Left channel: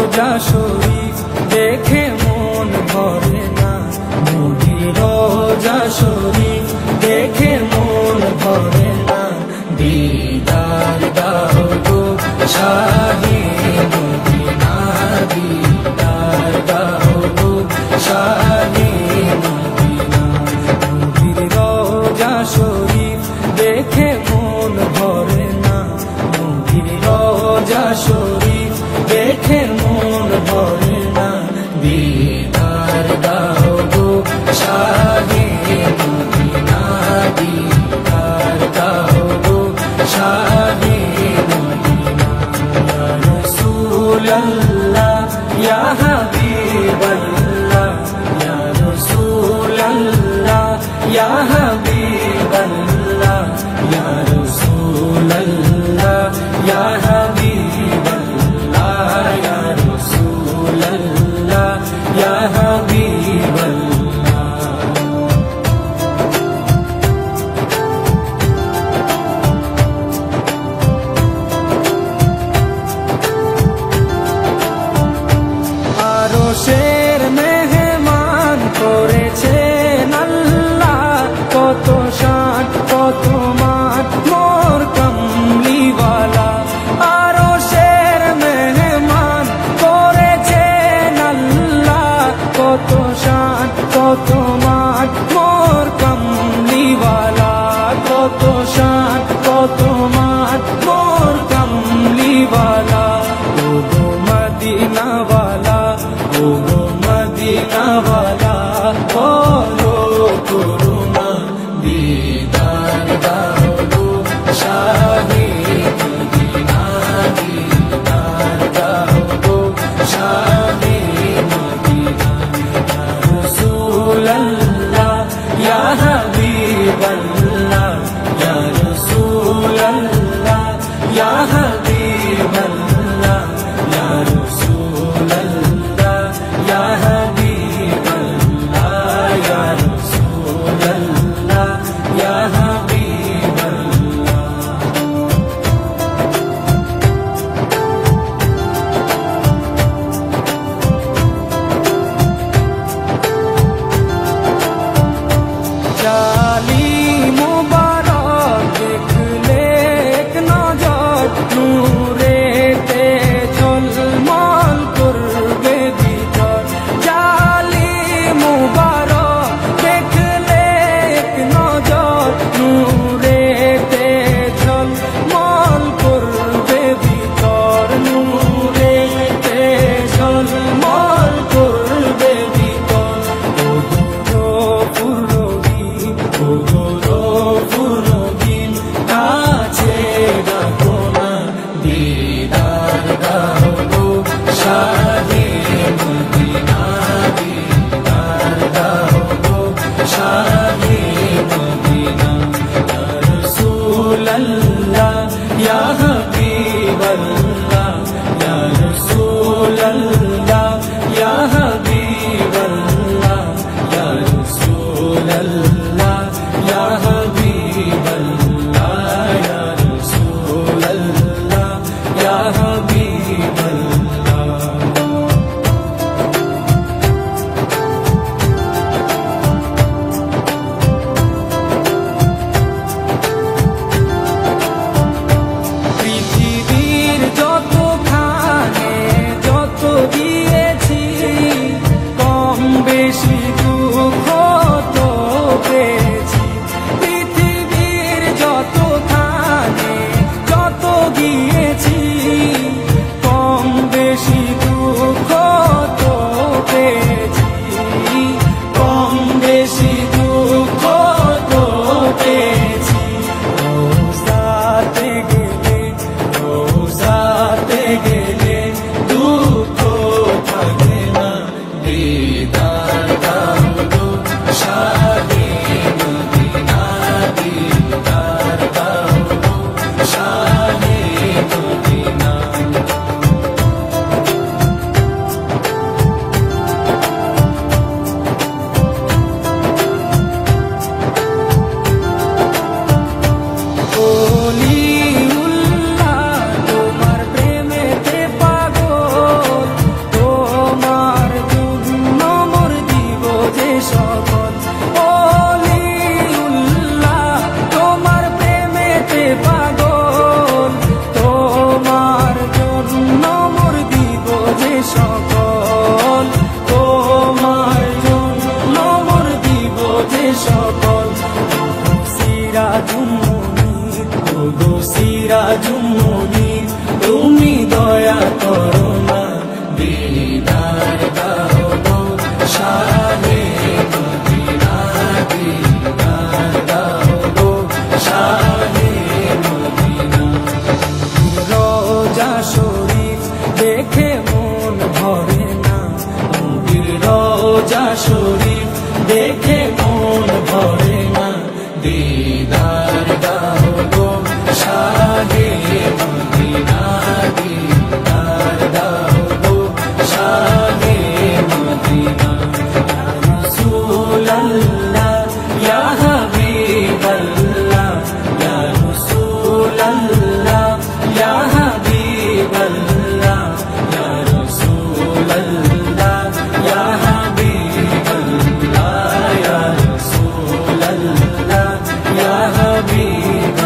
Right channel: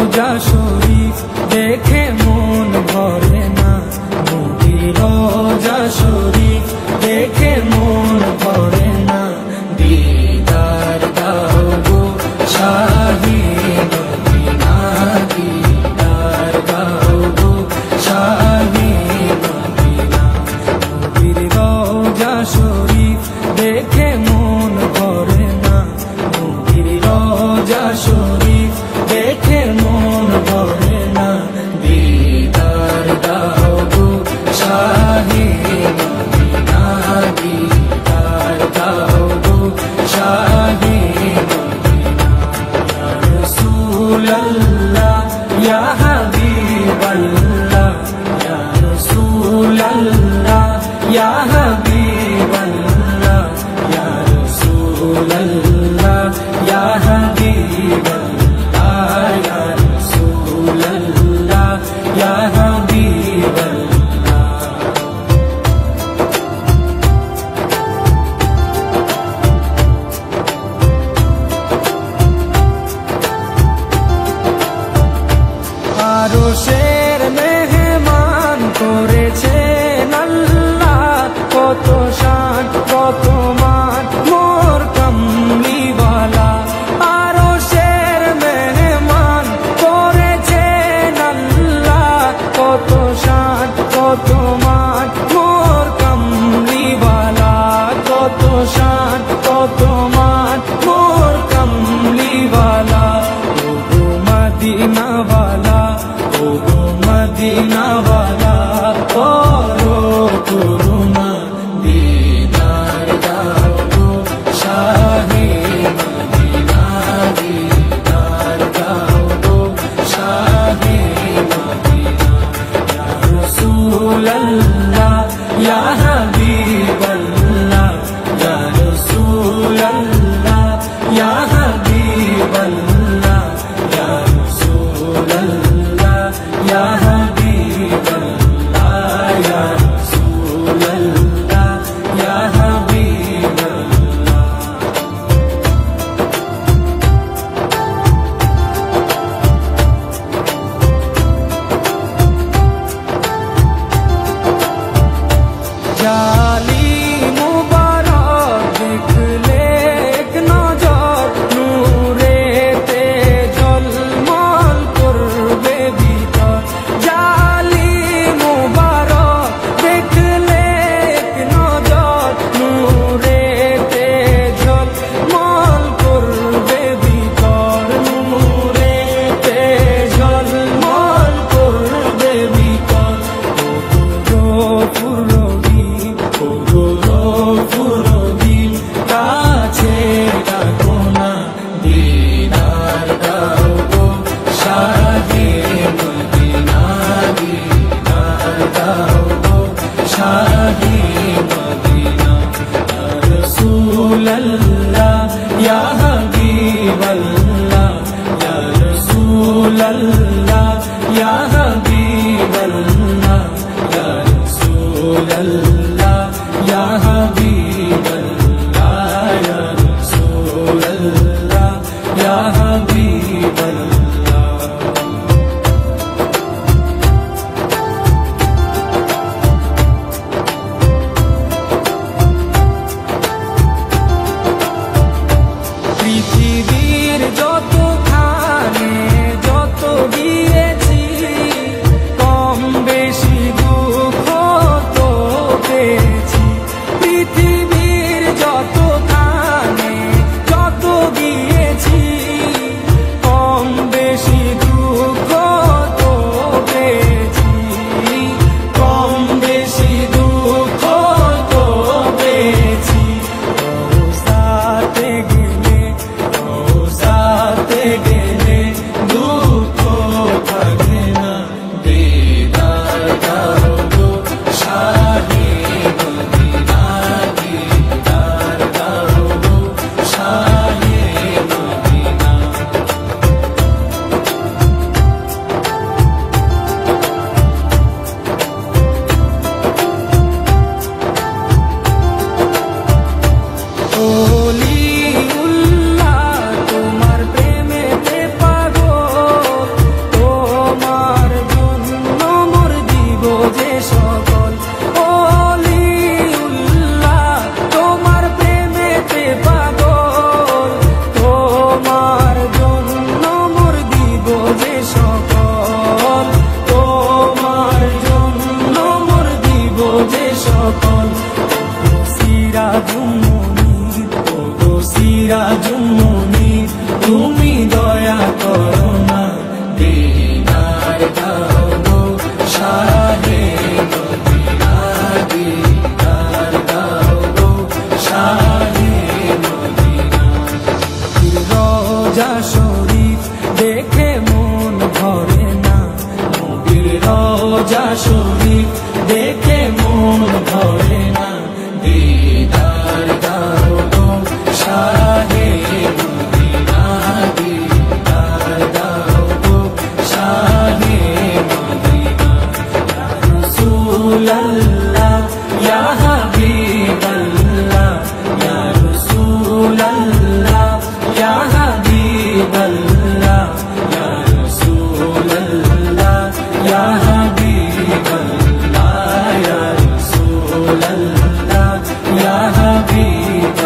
রোজা শরীফ দেখে মন ভরে না, নবীর রোজা শরীফ দেখে মন ভরে না। দিদার দাও গো শাহে মদিনা, দিদার দাও গো শাহে মদিনা। নবীর রোজা শরীফ দেখে মন ভরে না, নবীর রোজা শরীফ দেখে মন ভরে না। দিদার দাও গো শাহে মদিনা, দিদার দাও গো শাহে মদিনা। ইয়া রাসূলুল্লাহ ইয়া হাবিবাল্লাহ, ইয়া রাসূলুল্লাহ ইয়া হাবিবাল্লাহ, ইয়া রাসূলুল্লাহ ইয়া হাবিবাল্লাহ, ইয়া রাসূলুল্লাহ ইয়া হাবিবাল্লাহ। আরশের মেহমান করেছেন আল্লাহ, কত শান কত মান মোর কামলিওয়ালা। আরশের মেহমান করেছেন আল্লাহ, কত শান কত মান মোর কামলিওয়ালা, কত শান কত মান মোর কামলিওয়ালা। ও গো মদিনাওয়ালা, ও গো মদিনাওয়ালা, করো করুণা, দিদার দাও গো শাহে মদিনা, দিদার দাও গো শাহে মদিনা। ইয়া রাসূলুল্লাহ ইয়া হাবিবাল্লাহ, ইয়া রাসূলুল্লাহ ইয়া হাবিবাল্লাহ, ইয়া রাসূলুল্লাহ ইয়া হাবিবাল্লাহ, ইয়া রাসূলুল্লাহ ইয়া হাবিবাল্লাহ। জালিম মুবারক দেখলে এক নজর, নূরেতে ঝলমল করবে ভিতর। জালিম মুবারক দেখলে এক নজর, নূরেতে ঝলমল করবে ভিতর, নূরেতে ঝলমল করবে ভিতর। ও গো পুরবি, ও গো পুরবি, কাছে ডাকো না, দিদার দাও গো শাহে মদিনা, দিদার দাও গো শাহে মদিনা। ইয়া রাসূলুল্লাহ ইয়া হাবিবাল্লাহ, ইয়া রাসূলুল্লাহ ইয়া হাবিবাল্লাহ, ইয়া রাসূলুল্লাহ ইয়া হাবিবাল্লাহ, ইয়া রাসূলুল্লাহ ইয়া হাবিবাল্লাহ। পৃথিবীর যতখানে যত দিয়েছি, কম বেশি দুঃখ তো পেয়েছি। পৃথিবীর যতখানে যত গিয়েছি, সিরাজুম্মনির, ওগো সিরাজুম্মনির, তুমি দয়া করো না, দিদার দাও গো শাহে মদিনা, দিদার দাও গো শাহে মদিনা। রোজা শরীফ দেখে মন ভরে না, নবীর রোজা শরীফ দেখে মন ভরে না, দিদার দাও গো শাহে মদিনা, দিদার দাও গো শাহে মদিনা। ইয়া রাসূলাল্লাহ ইয়া হাবিবাল্লাহ, ইয়া রাসূলাল্লাহ ইয়া হাবিবাল্লাহ, ইয়া রাসূলাল্লাহ ইয়া হাবিবাল্লাহ, ইয়া রাসূলাল্লাহ ইয়া হাবিবাল্লাহ।